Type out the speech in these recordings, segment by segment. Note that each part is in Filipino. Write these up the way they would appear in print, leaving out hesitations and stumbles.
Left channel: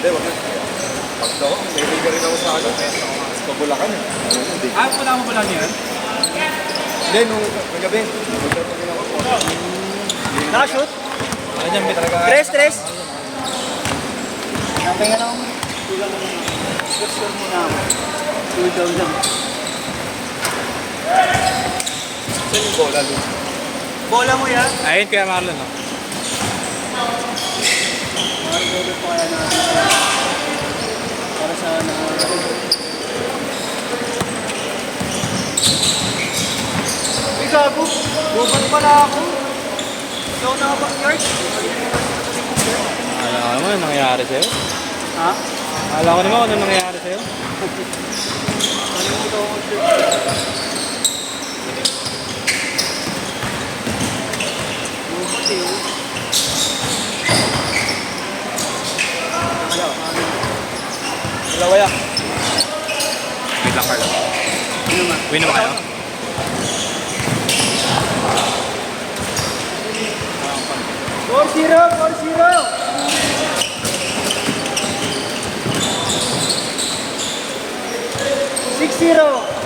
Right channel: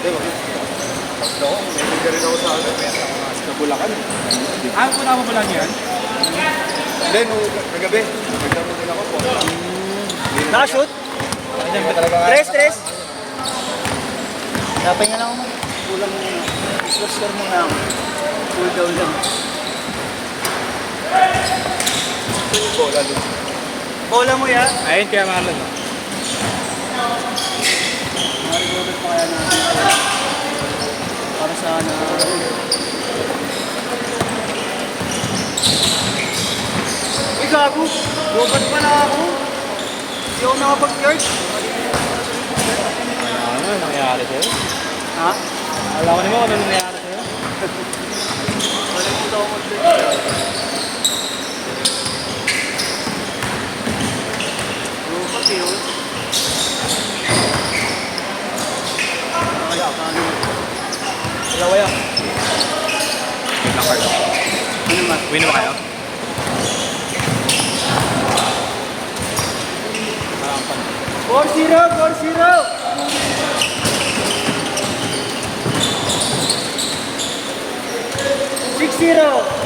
Hindi, wag mo. Pag daw, may liga rin ako sa ano. Sa Bulacan eh. Ah, punta mo pala niyan? Hindi, nung nagabi. Nagtatanggol ako po. Nakashoot? Ayun yung talaga. Tres. Napingin ako mo. Kulang mo muna. Score muna ako. Cool down lang. Saan yung bola doon? Bola mo yan? Ayun kaya Marlon. Narigolo pa yan. Para sa ano. Uy, gago. Robot pala ako. Ikaw nakapag-yard. Alam mo ano nangyayari sa'yo? Ha? Alam ko naman ano nangyayari sa'yo? Wala dito ako mag-yard. Robot yun. Dalawa yan. Wait lang, Carl. Ano ba? Win na ba kayo? Four zero. 6-0.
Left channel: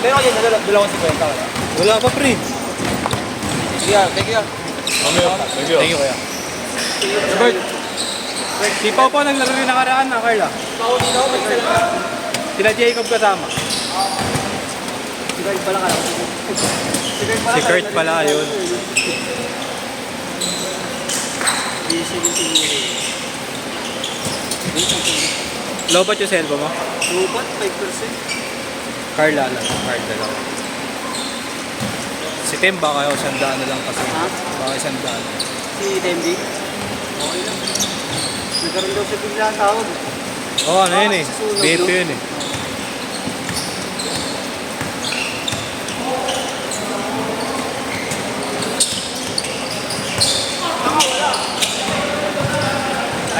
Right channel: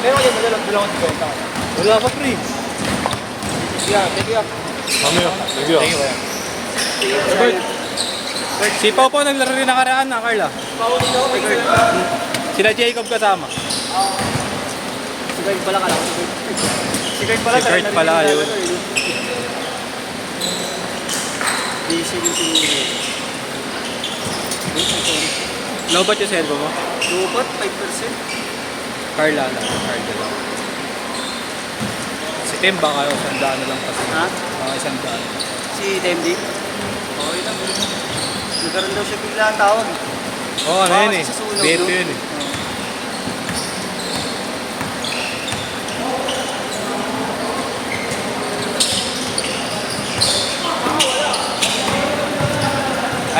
Meron kayo dalawa si Kwenta. Wala pa, pre. Thank you. Thank you. Bert. Si Popo naglaro rin nakaraan na, Carla. Paulit ako. May isa lang. Sila Jacob kasama. Si Kurt pala ka. Si Kurt pala yun. Busy din si Lobat yung cellphone mo? Robot, 5%. Carla lang. Carla lang. Si Tim baka sandaan na lang kasi. Ha? Baka sandaan. Si Demdi. Nagkaroon daw siya bigla ang tawag. Oo, ano yun eh. Susunod, Beto no? yun eh.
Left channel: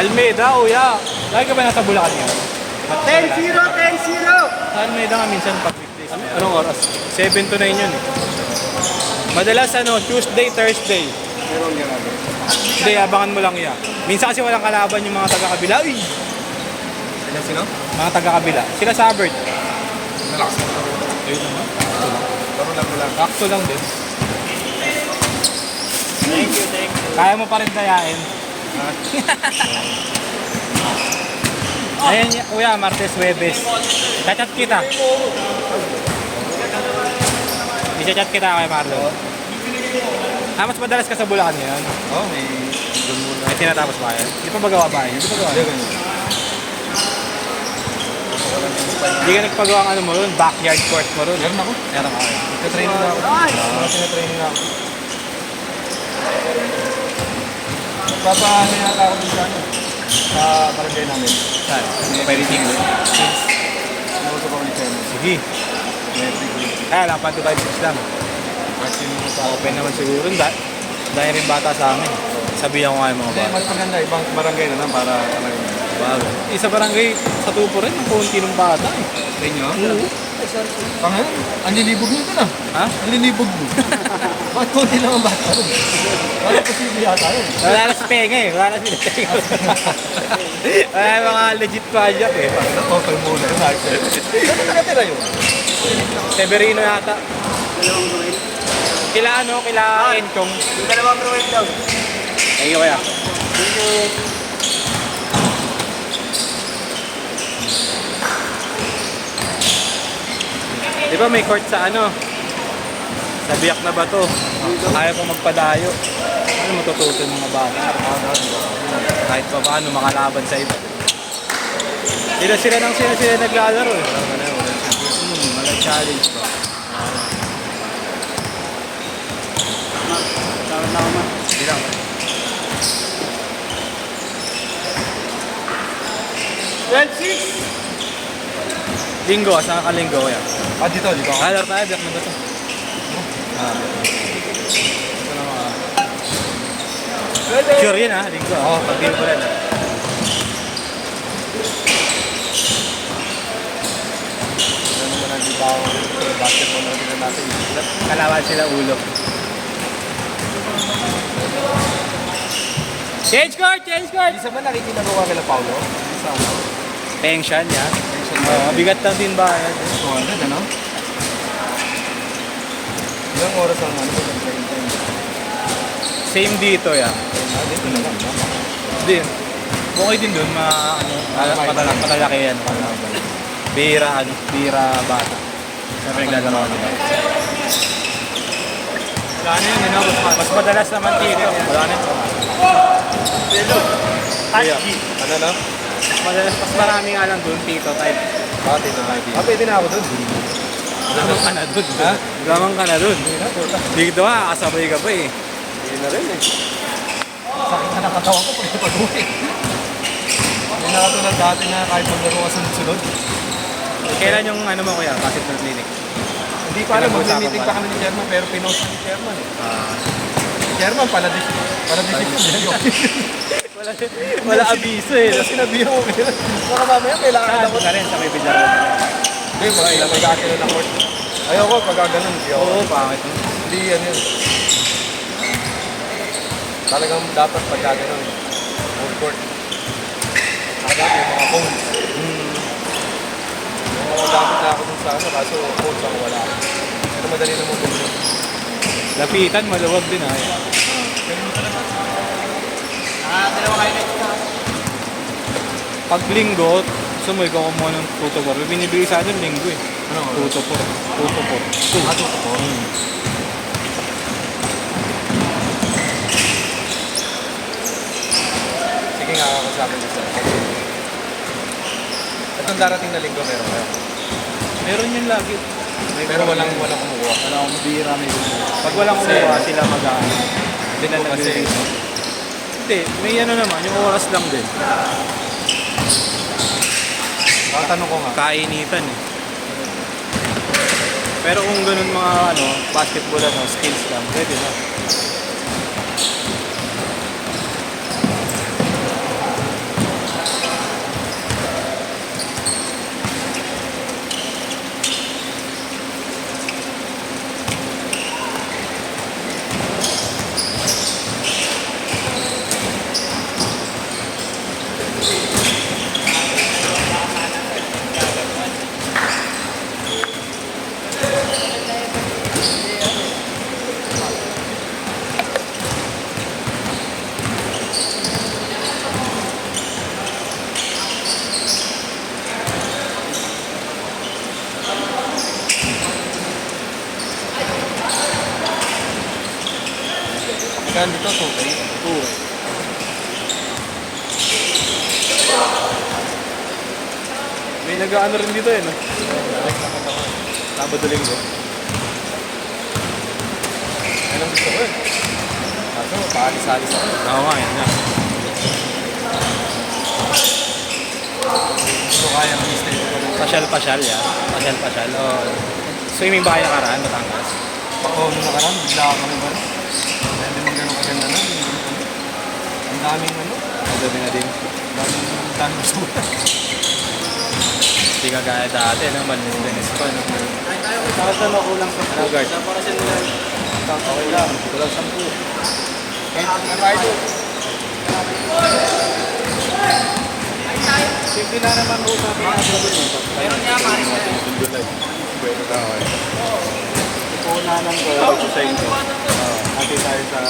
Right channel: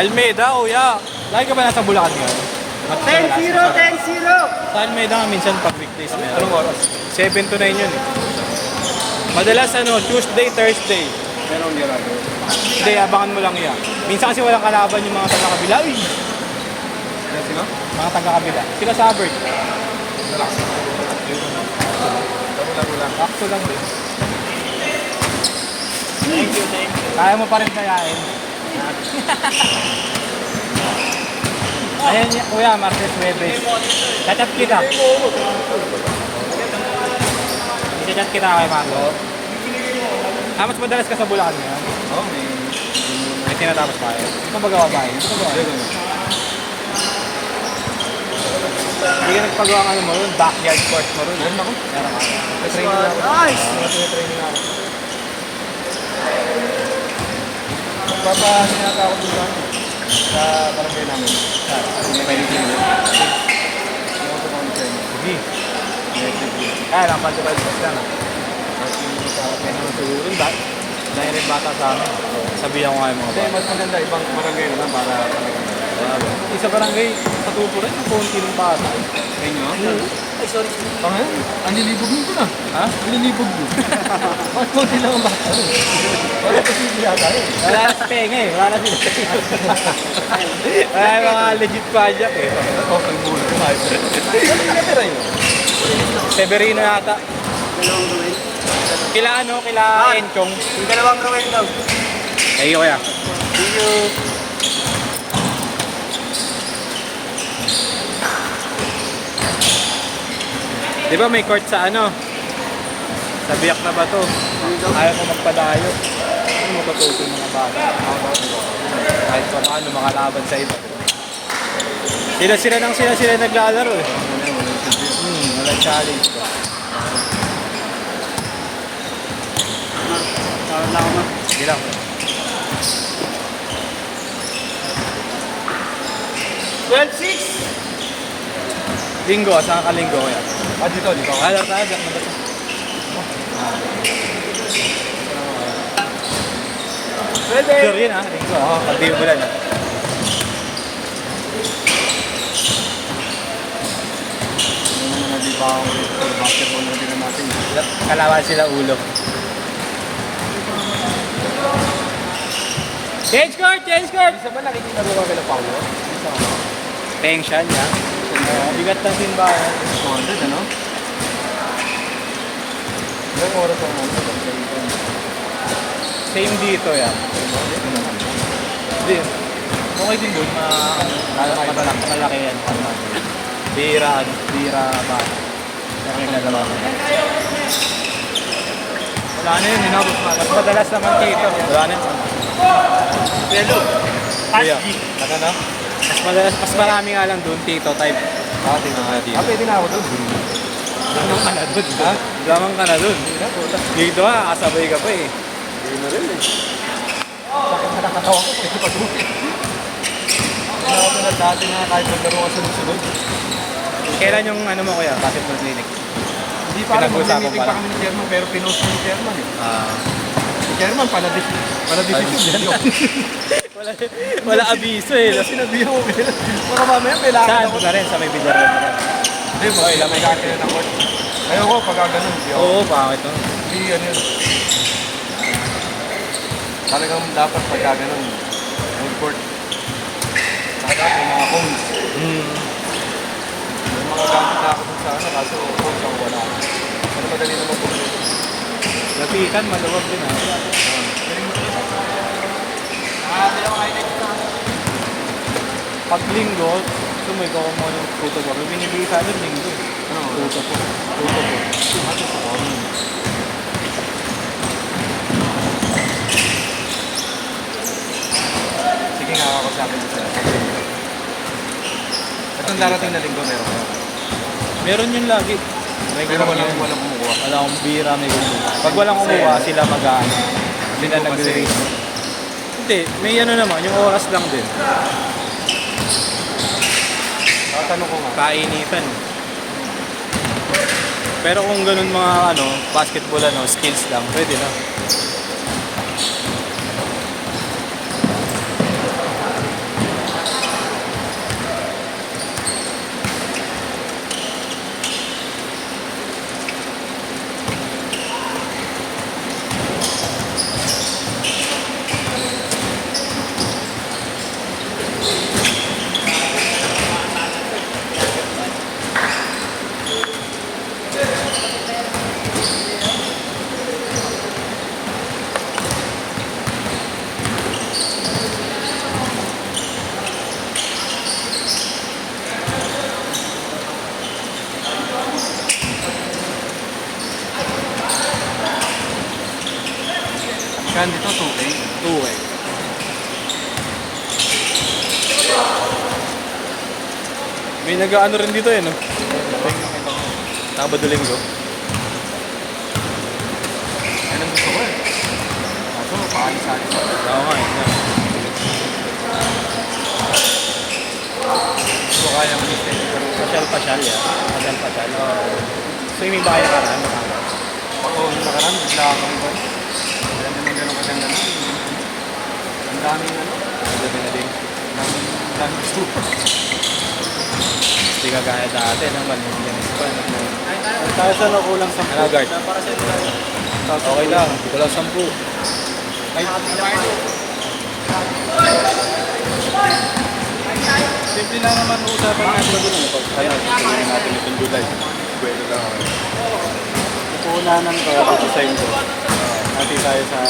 Almeida, uya. Lagi ka ba nasa Bulacan mo? 10-0. Sa Almeida nga minsan pag weekdays meron. Anong oras? 7 to 9 yun. Madalas ano, Tuesday, Thursday. Meron gano'n. Hindi, abangan mo lang yan. Minsan kasi walang kalaban yung mga taga-kabila. Uy! Sino? Mga taga-kabila. Sila sa Albert. Relax. Taro lang. Sakto lang din. Thank you. Kaya mo pa rin dayain. Ayun, kuya, Martes Huwebes. Chat kita. I-chat kita kay Marlo. Mas madalas ka sa Bulacan yan. Oh, may... May tinatapos ba kayo? Di pa magawa ba kayo? Di pa magawa. Hindi ka nagpagawa ng ano mo ron, backyard court mo ron. Meron ako. Meron ako. Training na ako. Nice! Training na ako. Papaano yung ako dito sa barangay namin? Pwede din. Nauso ko ni Chema. Sige. Kaya lang, panto tayo sa lang. Open naman siguro. Dahil rin bata sa amin. Sabihan ko nga yung mga Hindi, bata. mas maganda ibang barangay na lang para... Isa barangay sa tupo rin, ang konti ng bata. Sa inyo? Ay, sorry. Pangin, ang lilibog nito na. Ha? Ang lilibog mo. Bakit konti lang ang bata rin? Bakit kasi hindi yata rin? Wala na si Penga eh. Wala na si Penga. Wala yung mga legit project eh. Okay, muna yung iPad. Ano yung natira yun? Severino yata. Kila ano, kila Encong. Yung dalawang provide daw. Ay, kaya. Di ba may court sa ano? Sa Biak na Bato. Kaya ko magpadayo. Ano matutusin mga bata? Kahit pa paano makalaban sa iba. Sila naglalaro eh. Wala na, wala na siya. challenge ba? Tawag na ako man. Sige lang. Linggo, saan ka linggo kaya? Dito. Halar na, diyak na ba ito? Sure yun ha, linggo ha. Pag-diyo ko lang. Ano naman nagibawang basketball na rin natin. Kalawan sila ulo. Change court! Change court! Isa ba nakikita mo kami ng Paulo? Isa. Tension yan. Bigat ng timba yan. 200, ano? Ilang oras ang mga Same dito yan. Hindi. Okay din dun. Matalaki yan. Bira ba? Sa pinaglalaro mo. Wala na yun, inabot pa. Mas madalas naman dito. Wala na. Ano na? Mas marami nga lang doon, Tito type. Dito tayo dito. Pwede na ako dun. Gamang ka na doon. Ha? Gamang ka na doon. Dito kasabay ka pa eh. Hindi na rin eh. Sakit na nakatawa ko. Pwede pa dun. Wala ko na dati na kahit maglaro ka sunod-sunod. Kailan yung ano mo kuya, basketball clinic? Hindi pa alam, maglilitig pa kami ng chairman pero pinost ng chairman eh. Chairman, pala decision. Wala abiso eh. Kaya sinabihan ko kaya, baka mamaya kailangan Saan ako. na rin sa may bilyar? Hindi, may kakilala ng court. Ayoko, pagka ganun, hindi ako. Oo, bakit? Hindi yan yun. Talagang dapat pagka ganun, full court. Dapat yung mga phones. Yung mga gamit na ako dun sa ano, kaso phones ang wala. Ano madali naman phones? Lapitan, maluwag din ha. Pag linggo, sumoy ko kumuha ng photography. Binibigay sa atin linggo eh. Tuto po. Sige nga ako sa akin dito. Itong darating na linggo meron kayo. Meron yun lagi. Pero walang kumukuha. Wala akong bira, may gusto. Pag walang kumuha, sila mag-aano. Linggo kasi. Hindi, may ano naman, yung oras lang din. Tanong ko nga. Kainitan eh. Pero kung ganun mga ano, basketball ano, skills lang, pwede na. Magkano dito? 2K? 2 eh. May nag-ano rin dito eh, no? Nakita ko. Nakabaduling ko. Yan ang gusto ko eh. Kaso, paalis-alis ako. Oo nga, yan. Gusto ko kaya mag-stay. Pasyal-pasyal yan. Pasyal-pasyal. Swimming ba kayo nakaraan? Ako, nung nakaraan, bigla ako naman. Kaya naman ganun kaganda na. Ang daming ano. Ano na din. Ang daming gusto. Hindi ka gaya dati naman. Yung ganito pa. Para sa nakulang sa agad. Okay lang. Hindi ka lang 10. Simple lang naman usapan natin din. Pagkakala natin yung July. Pwede lang. Puhunanan ko ako sa inyo. Natin tayo sa...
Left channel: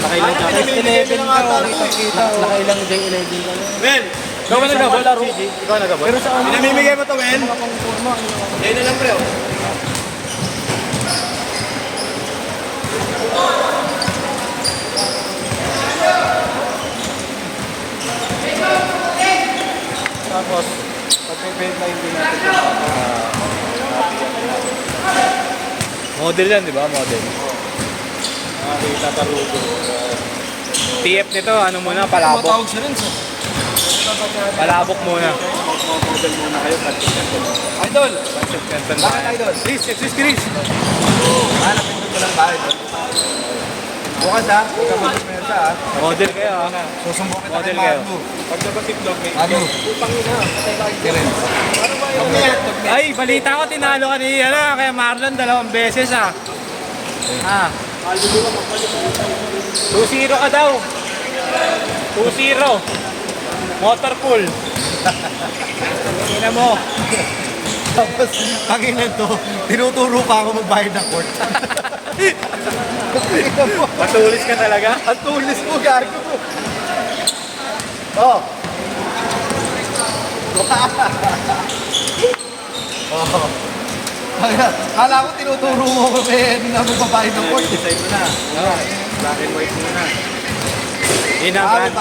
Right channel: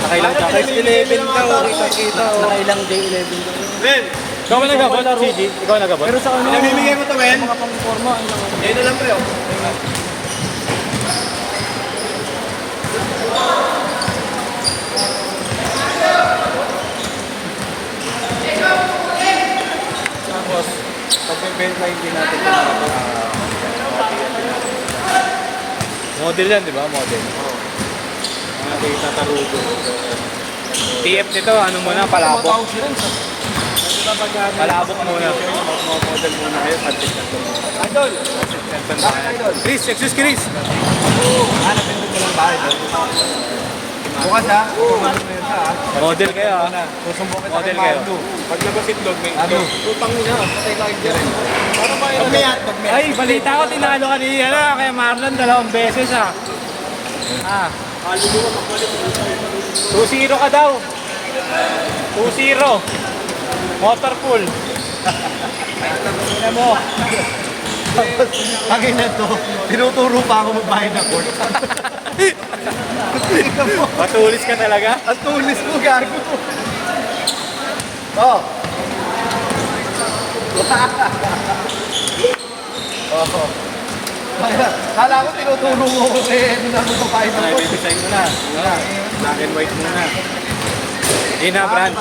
Nakailang ka? 11 ka. Nakailang day 11 ka. Men! Ikaw ba nagabot? CG? Ikaw nagabot? Pero sa ano? Pinamimigay mo to, men? Mga pang-forma. Yan na lang, pre. Oh. Bentahin din natin ito mga Model yan, di ba? Model. Kita tarugo. TF nito, ano muna, palabok. Palabok muna. Model muna kayo, patik-patik. Idol! Ganda. Idol! Chris, excuse Chris. Napindot ko lang ba, Idol? Bukas ha, huwag ka magpapenta ha. Model kayo ah. Susumbong kita Model kay kayo. Magdo. Pag labas itlog, may Magdo. utang nyo na. Patay lang yung Ano ba yun? Ay, balita ko tinalo ka ni kaya Marlon 2 beses ah. 2-0 ka daw. 2-0. Motor pool. Tingnan mo. Tapos, ang ina to, tinuturo pa ako magbayad ng court. Tingnan mo, Matulis ka talaga. ang tulis mo, gago. Oh. Oh. Kala ko tinuturo mo kasi ano magbayad ng court. Design na. Wala. Black and white na. Yun na, Brad.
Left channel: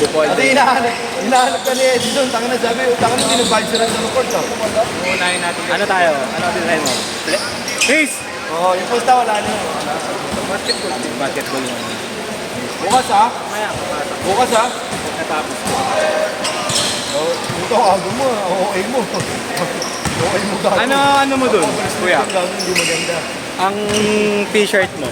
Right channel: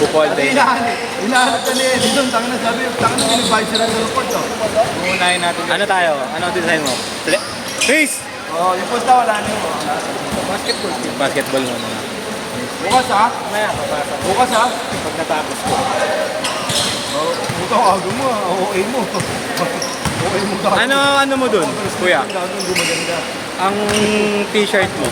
Bupol Kasi din. hinahanap ka ni Eddie doon, tanga na sabi, tanga mo ginagbayad sila ng court. Unahin natin. Ano tayo? Ano design mo? Please! Oh, yung posta wala niyo. Basketball naman. Bukas ha? Bukas ha? Pagkatapos ko. Oh, puto ako mo, OA mo. OA mo gago. Ano mo dun, kuya? Ang gawin hindi maganda. Ang t-shirt mo?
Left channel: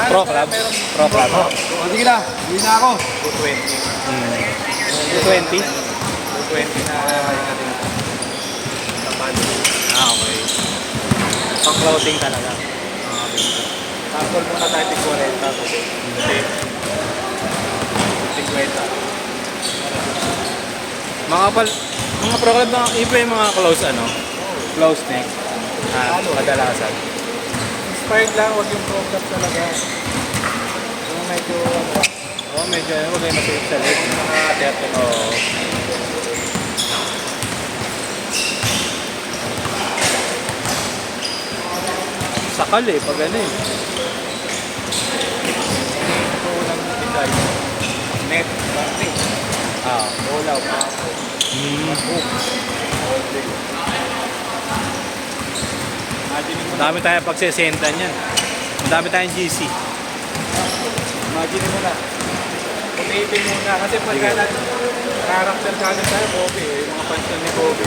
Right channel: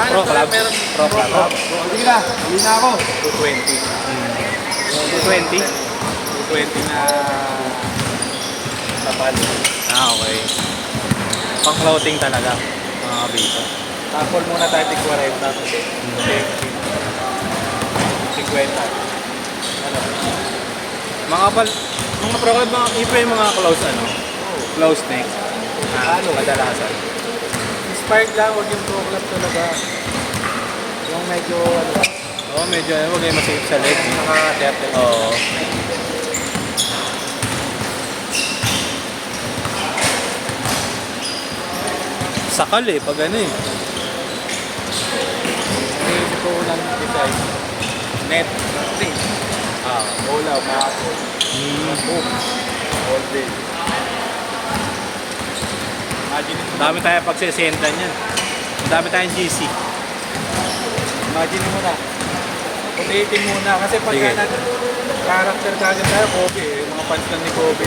Pro Club? Pro Club? Sige na, hindi na ako. 220? 220 na papalo. Okay. Pang clothing talaga. Mga basic. Tapos muna tayo tigwaray. Tapos 50. Mga Pro Club na iba yung mga close ano? Close neck. Kadalasan. Inspired lang, huwag yung problem talaga. Yung medyo, Oo, medyo ano, huwag kayo masilip sa leg. Oo. Sakal eh, pag ano eh. yung ko lang design. Net, Ah. bola, paso, hook, all day. Dami tayo pagsisentan yan. Dami tayong GC. Imagine mo na. Ulitin mo na. Kasi pag Sige. character kagad tayo, Kobe. Mapansin ni Kobe.